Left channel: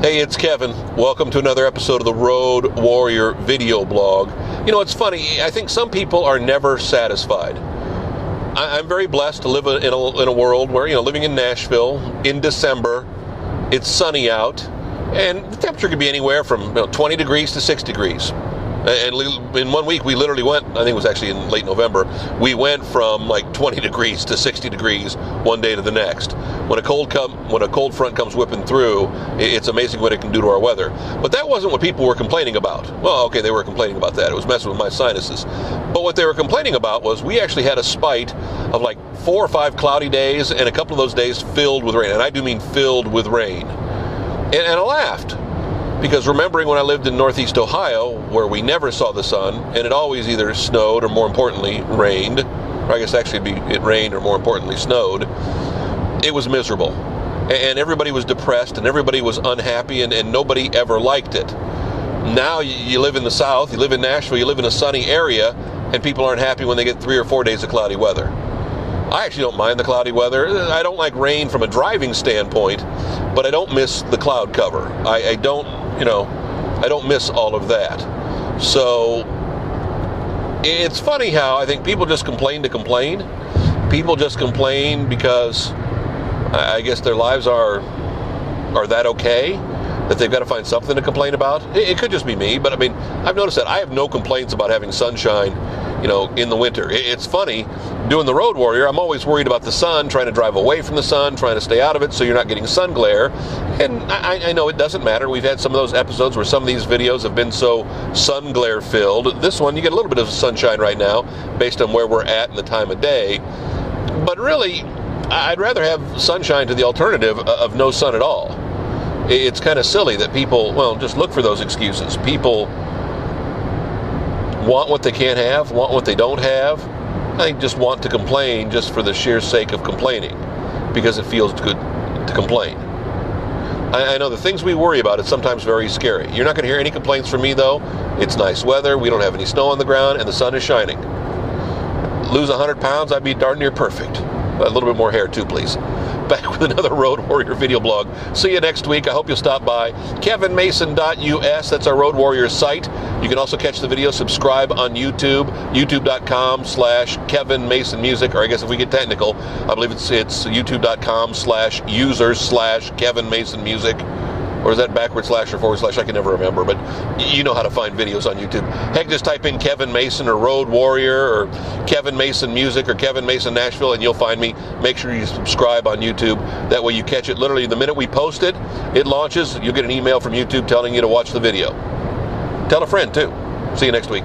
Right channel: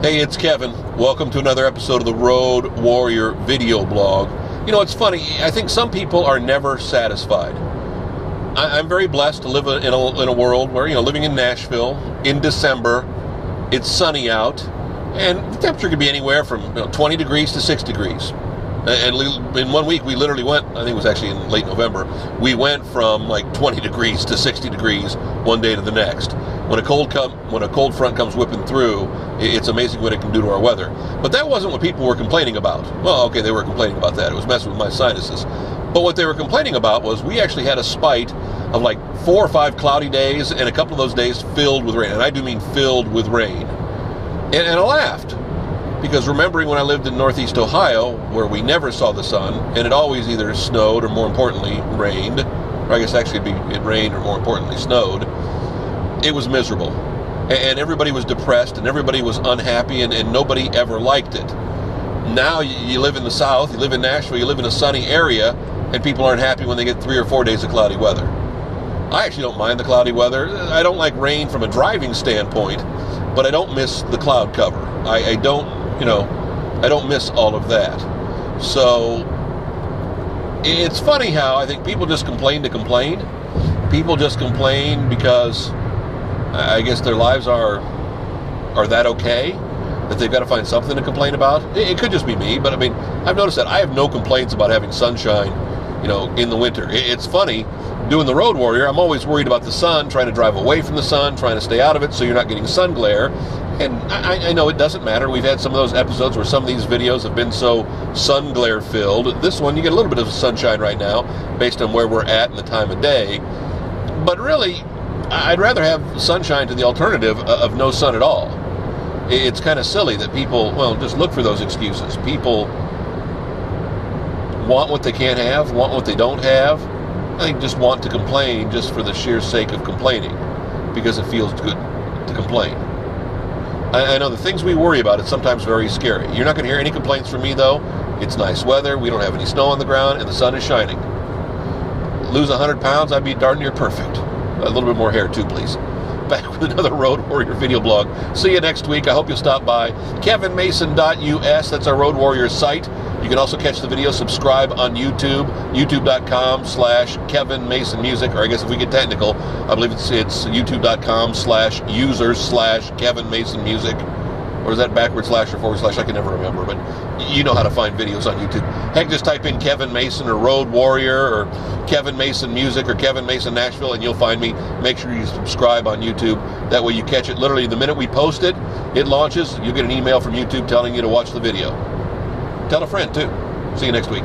Hey, it's Kevin. Welcome to another episode of the Road Warrior video blog. You know, it's funny. I think some people are never satisfied. I'm very blessed to live in a world where, living in Nashville in December, it's sunny out, and the temperature could be anywhere from 20 degrees to 6 degrees. And in 1 week, we literally went, I think it was actually in late November, we went from like 20 degrees to 60 degrees one day to the next. When a cold front comes whipping through, it's amazing what it can do to our weather. But that wasn't what people were complaining about. Well, okay, they were complaining about that. It was messing with my sinuses. But what they were complaining about was we actually had a spite of like 4 or 5 cloudy days, and a couple of those days filled with rain. And I do mean filled with rain. And I laughed. Because remembering when I lived in Northeast Ohio, where we never saw the sun, and it always either snowed or, more importantly, rained, or I guess actually it rained or, more importantly, snowed, it was miserable. And everybody was depressed, and everybody was unhappy, and nobody ever liked it. Now you live in the South, you live in Nashville, you live in a sunny area, and people aren't happy when they get 3 or 4 days of cloudy weather. I actually don't mind the cloudy weather. I don't like rain from a driving standpoint, but I don't miss the cloud cover. I don't miss all of that. So it's funny how I think people just complain to complain. People just complain because I guess their lives are that okay that they've got to find something to complain about. It could just be me, but I mean, I've noticed that I have no complaints about having sunshine, in the winter. It's funny, doing the Road Warrior, I'm always worried about the sun, trying to drive away from the sun, trying to stay out of it so you're not getting sun glare. And I know it doesn't matter. We've had some of those episodes where some of these videos have been so sun glare filled. This one, you get a little bit of sunshine right now based on where we're at and the time of day. But really, I'd rather have sunshine to the alternative of no sun at all. It's kind of silly that people, just look for those excuses. People want what they can't have, want what they don't have. I think just want to complain just for the sheer sake of complaining because it feels good to complain. I know the things we worry about, it's sometimes very scary. You're not going to hear any complaints from me, though. It's nice weather, we don't have any snow on the ground, and the sun is shining. Lose 100 pounds, I'd be darn near perfect. A little bit more hair, too, please. Back with another Road Warrior video blog. See you next week. I hope you'll stop by. kevinmason.us, that's our Road Warrior site. You can also catch the video, subscribe on YouTube, youtube.com/KevinMasonMusic, or I guess if we get technical, I believe it's youtube.com/users/KevinMasonMusic. Or is that backward slash or forward slash? I can never remember, but you know how to find videos on YouTube. Heck, just type in Kevin Mason or Road Warrior or Kevin Mason Music or Kevin Mason Nashville and you'll find me. Make sure you subscribe on YouTube. That way you catch it literally the minute we post it, it launches. You'll get an email from YouTube telling you to watch the video. Tell a friend too. See you next week.